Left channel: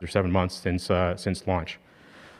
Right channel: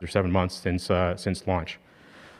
or 7 months since launch.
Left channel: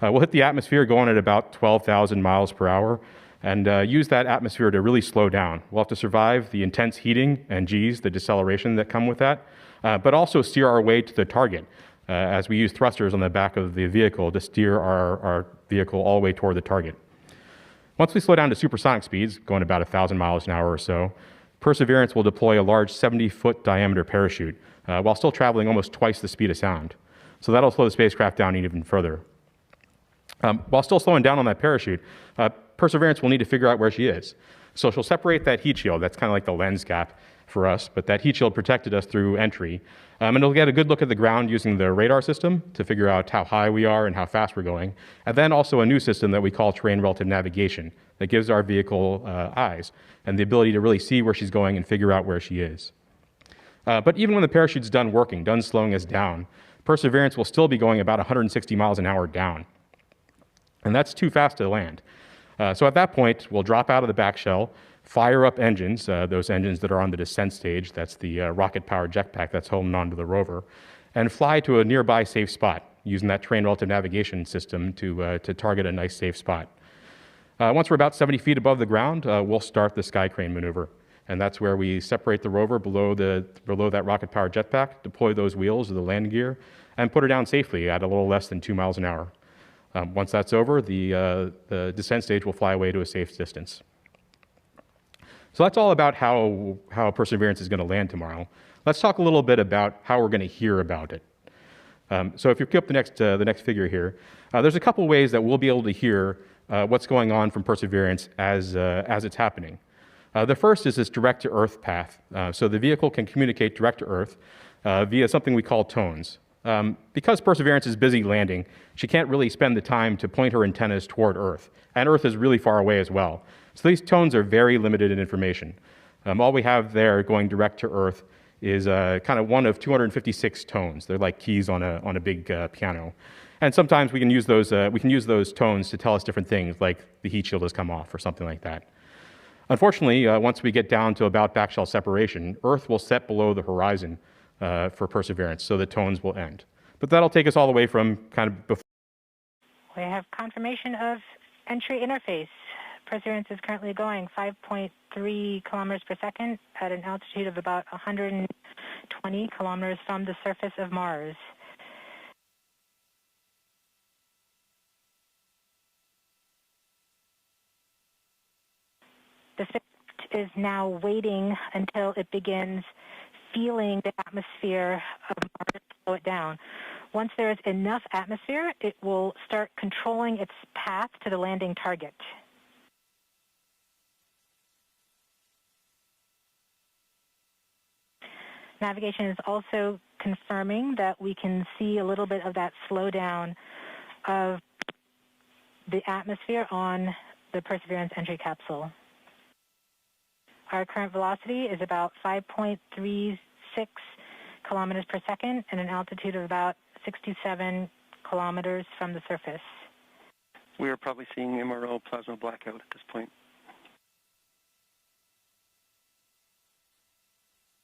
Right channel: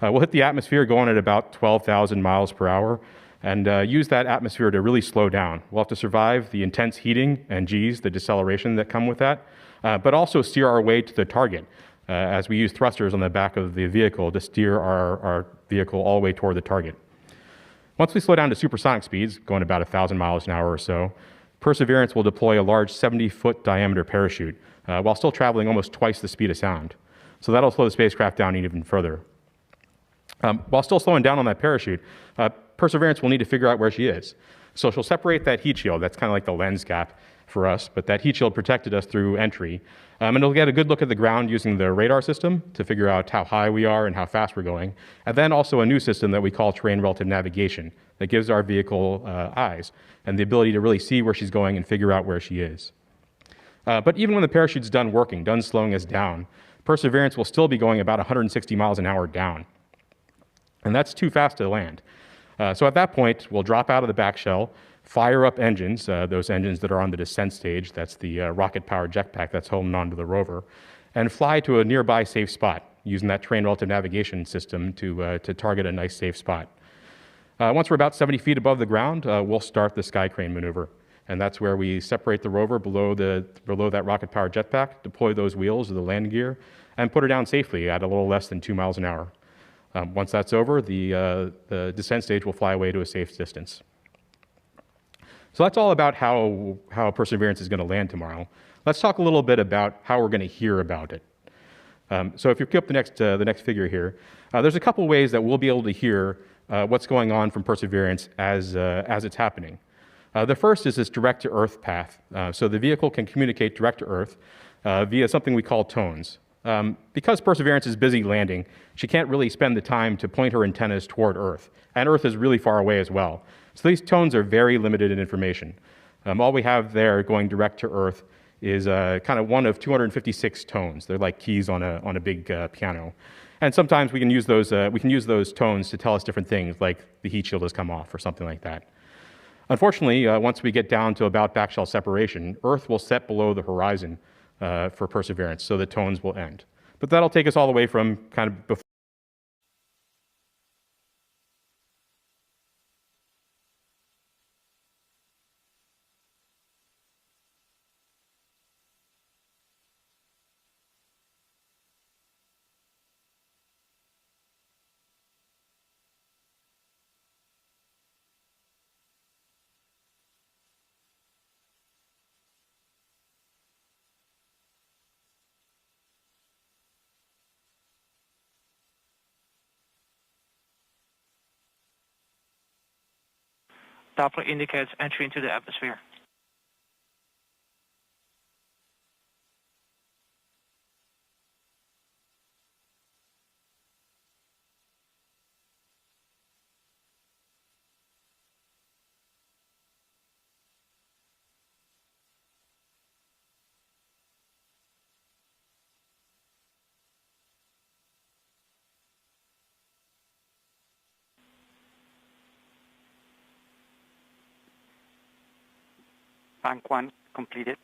We'll hit the atmosphere going at about 12,000 miles per hour and use that atmosphere to really slow down. We'll have to survive the intense heating and G's, the deceleration that come with that, but also steer our way to the target as we use thrusters on the back of the vehicle to steer our vehicle all the way toward the target. Once we slow down to supersonic speeds, going about 1,000 miles an hour or so, Perseverance will deploy a large 70-foot diameter parachute while still traveling almost twice the speed of sound. So that'll slow the spacecraft down even further. While still slowing down on that parachute, Perseverance will need to figure out where she is. So she'll separate that heat shield. That's kind of like the lens gap for us, but that heat shield protected us through entry. And it'll get a good look at the ground using the radar system to figure out how high we are and how fast we're going. And then also a new system that we call terrain relative navigation that gives our vehicle eyes and the ability to really see where she's going and figure out where she is. But even when the parachute's done working, done slowing us down, Perseverance will still be going about 160 miles an hour down. And that's too fast to land. So at that point, we'll drop out of the back shell, fire up engines, those engines that are on the descent stage, that's the rocket-powered jetpack that's holding onto the rover, and fly to a nearby safe spot using that terrain relative navigation system to target a nice safe spot. Once we're about 70 feet above the ground, we'll start the sky crane maneuver. And that's where we separate the rover below that rocket-powered jetpack, deploy those wheels or the landing gear, and put her down safely at a little less than 2 miles an hour. Once that's over, the descent stage will fly away to a safe distance. So that's all about how Perseverance is going to land tomorrow. Let's talk a little bit about how we're going to hear about it. So if you pick up the next figure here, there's a couple ways that we'll be able to hear what's going on from Perseverance as it's happening. The first is this direct-to-Earth path. So the vehicle can communicate direct to Earth via something we call tones. Because Perseverance is busy landing, she can't really spend the time to point her antennas toward Earth. And Earth is really far away as well. So these tones are very limited in information. All we have there going direct to Earth is kind of one of 256 tones. They're like keys on a big piano. And sometimes we can use those tones to tell us different things, like the heat shield has come off or something like that. Unfortunately, once we get down to about backshell separation, Earth will set below the horizon for Perseverance, so the tones will end. But that'll take us all the way from kind of before. We have confirmation of entry interface. Perseverance is currently going 5.3 kilometers per second at an altitude of about 120 kilometers from the surface of Mars. The spacecraft is now waiting until it begins feeling the atmosphere of Mars to slow it down. Once there is enough atmosphere, it will start controlling its path to the landing target. Doppler indicates entry into the atmosphere. Navigation is also confirming that we can see a little bit of that slowdown of the atmosphere on the Perseverance entry capsule. Our current velocity is about 5.36 kilometers per second and an altitude of about 67 kilometers from the surface. We are probably seeing MRO plasma blackout at this point. Bank 1 completed.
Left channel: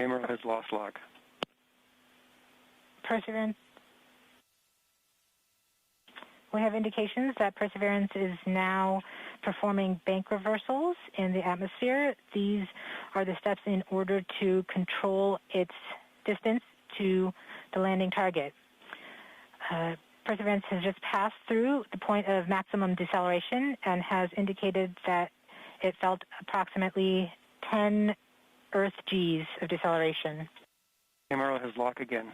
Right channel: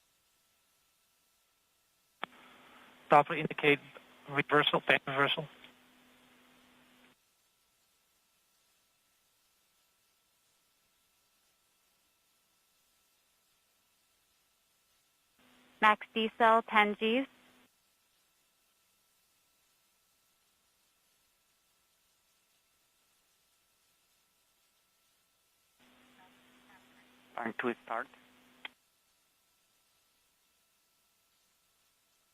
MRO has lost log. Doppler indicate reversal, bank reversal. We have indications that Perseverance is now performing bank reversals in the atmosphere. These are the steps in order to control its distance to the landing target. Perseverance has just passed through the point of maximum deceleration and has indicated that it felt approximately 10 Earth G's of deceleration. MRO has lock again.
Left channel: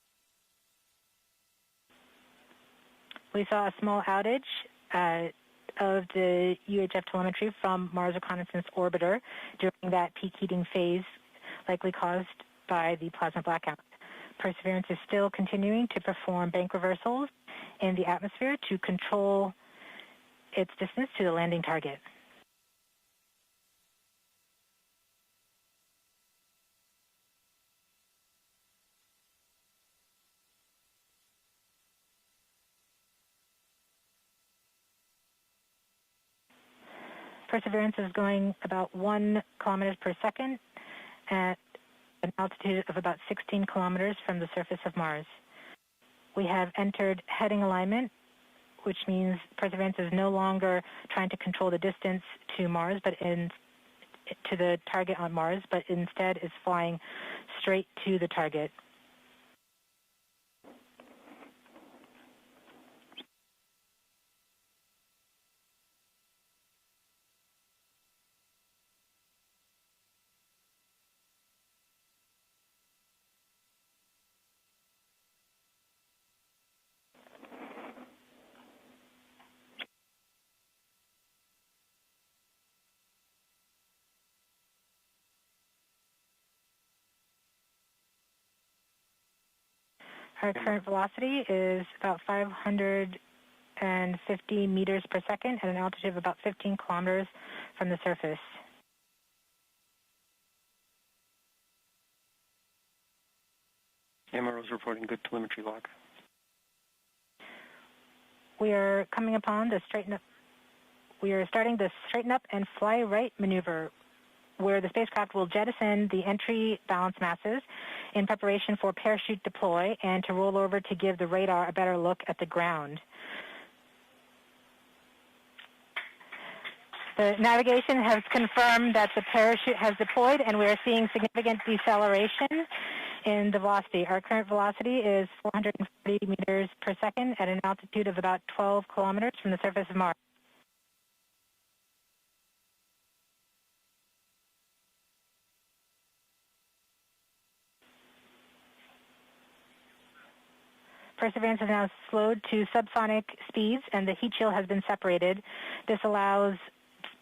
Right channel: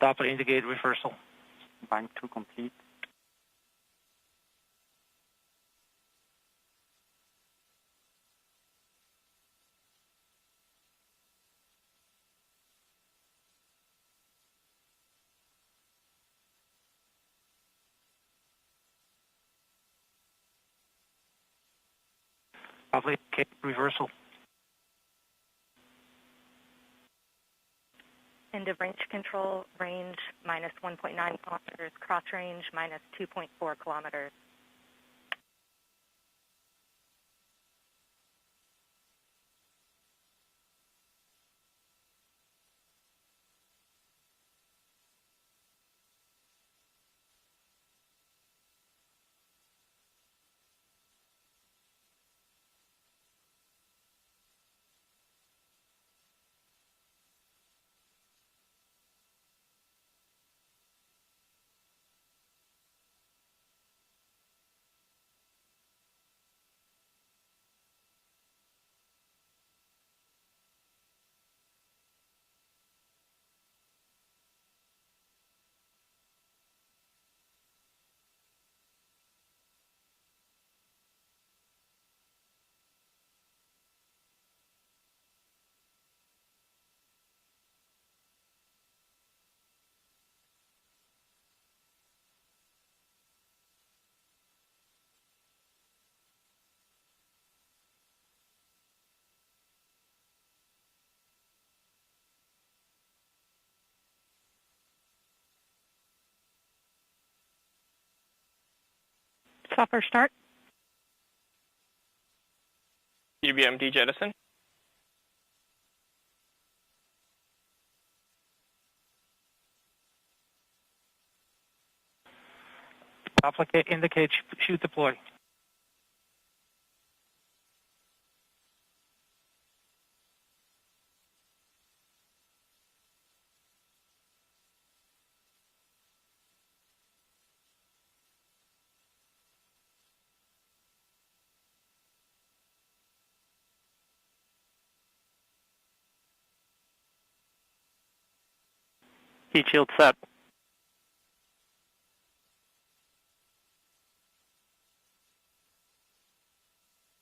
Doppler indicate reversal. Bank 2 complete. We saw a small outage of the UHF telemetry from Mars Reconnaissance Orbiter during that peak heating phase, likely caused by the plasma blackout. Perseverance is still continuing to perform bank reversals in the atmosphere to control its distance to the landing target. Doppler indicate reversal. End of range control, range minus 1.9 kilometers, cross range minus 2.4 kilometers. Perseverance is going about 1 kilometers per second at an altitude of about 16 kilometers from the surface of Mars. We have entered heading alignment, which means Perseverance is no longer trying to control the distance to Mars, to the target on Mars, but instead is flying straight to the target. Our current velocity is about 550 meters per second at an altitude of about 15 kilometers from the surface. MRO is reporting good telemetry log. We are coming upon the Proper start. We are starting the straighten up and fly right maneuver, UBMD jettison. where the spacecraft will jettison the entry balance masses in preparation for parachute deploy and to roll over to give the radar a better look at the ground. Indicate chute deploy. The navigation has confirmed that the parachute has deployed, and we are seeing significant deceleration in the velocity. Our current velocity is 440 meters per second at an altitude of about 12 kilometers from the surface of Mars. Heat shield set. Perseverance is now slowed to subsonic speeds, and the heat shield has been separated. This allows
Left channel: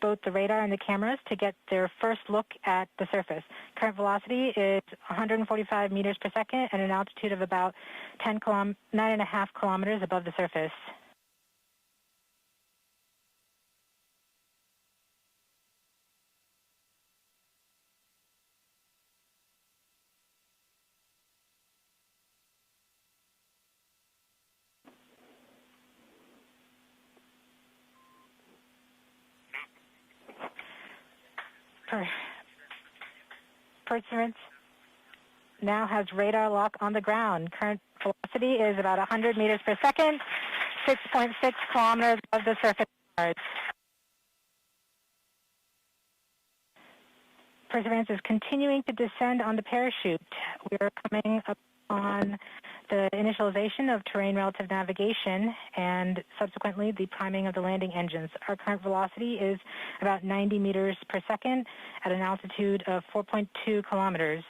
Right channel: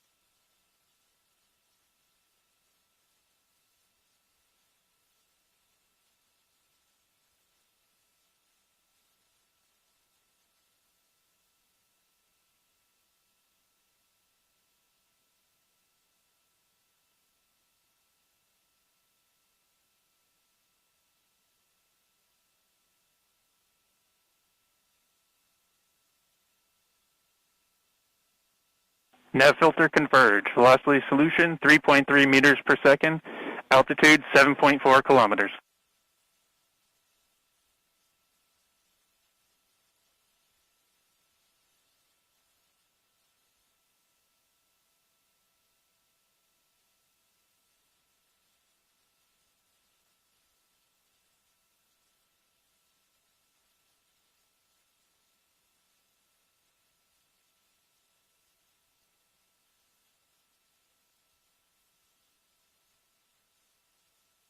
both the radar and the cameras to get their first look at the surface. Current velocity is 145 meters per second at an altitude of about 9.5 kilometers above the surface. Nav filter converge. Velocity solution 3.3 meters per second. Altitude 7.4 kilometers. Now has radar lock on the ground. Current velocity is about 100 meters per second, 6.6 kilometers above the surface of Mars. Perseverance is continuing to descend on the parachute. We are coming up on the initialization of terrain relative navigation and subsequently the priming of the landing engines. Our current velocity is about 90 meters per second at an altitude of 4.2 kilometers.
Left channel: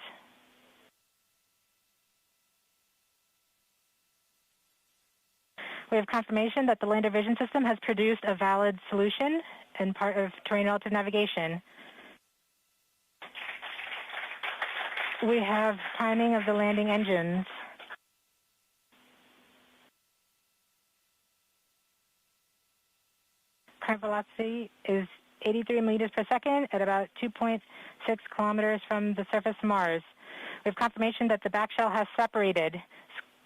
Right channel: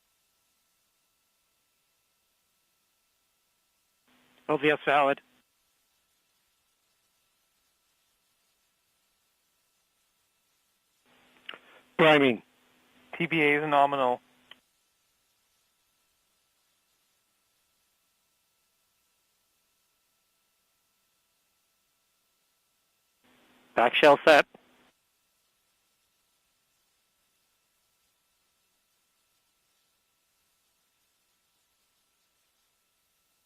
LVS valid. We have confirmation that the lander vision system has produced a valid solution and part of terrain relative navigation. Priming. TBA is nominal. We have priming of the landing engines. Back shell set. Is 83 meters per second at about 2.6 kilometers from the surface of Mars. We have confirmation that the back shell has separated.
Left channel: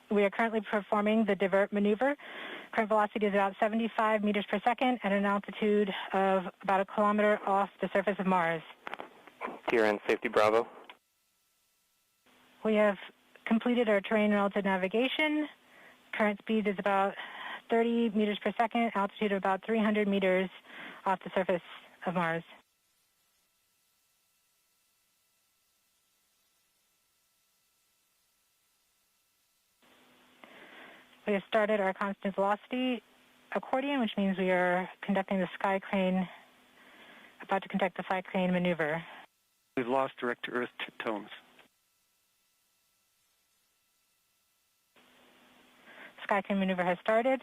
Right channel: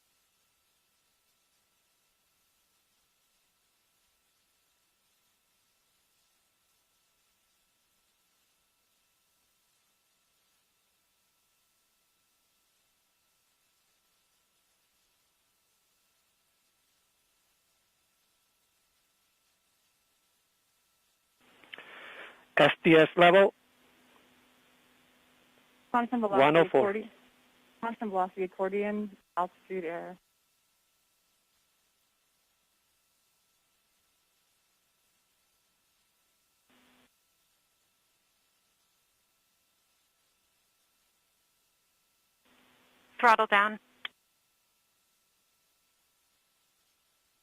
We are currently performing the divert maneuver. Current velocity is about 75 meters per second at an altitude of about 1 kilometer off the surface of Mars. TRN safety Bravo. We have completed our terrain relative navigation. Current speed is about 30 meters per second, altitude of about 300 meters off the surface of Mars. SDS level. Constant velocity 104. accordion. Constant velocity accordion, altitude air. We have started our constant velocity accordion, which means we are conducting the sky crane, about to conduct the sky crane maneuver. We've lost direct to Earth tones. Throttle down. Sky crane maneuver has started.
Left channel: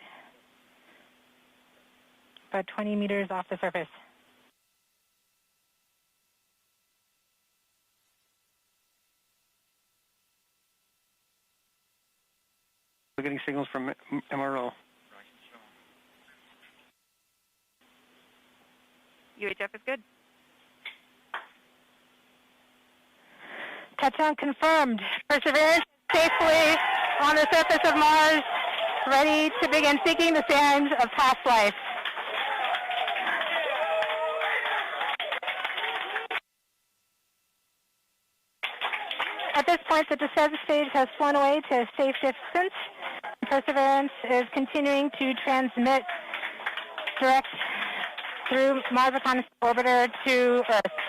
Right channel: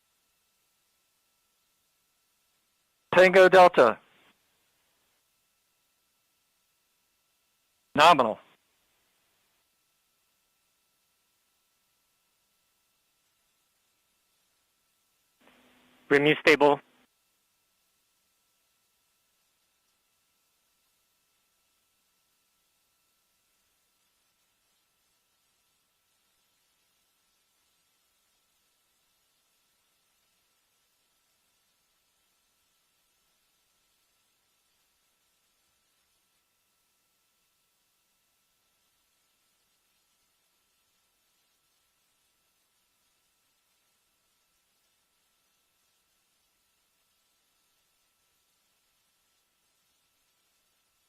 About 20 meters. Tango off the Delta. surface. Nominal. We're getting signals from MRO. RIMU stable. UHF is good. Touchdown confirmed. Perseverance safely on the surface of Mars, ready to begin seeking the signs of past life. at this point, the descent stage has flown away to a safe distance. Perseverance is continuing to transmit direct through Mars Reconnaissance Orbiter to Earth.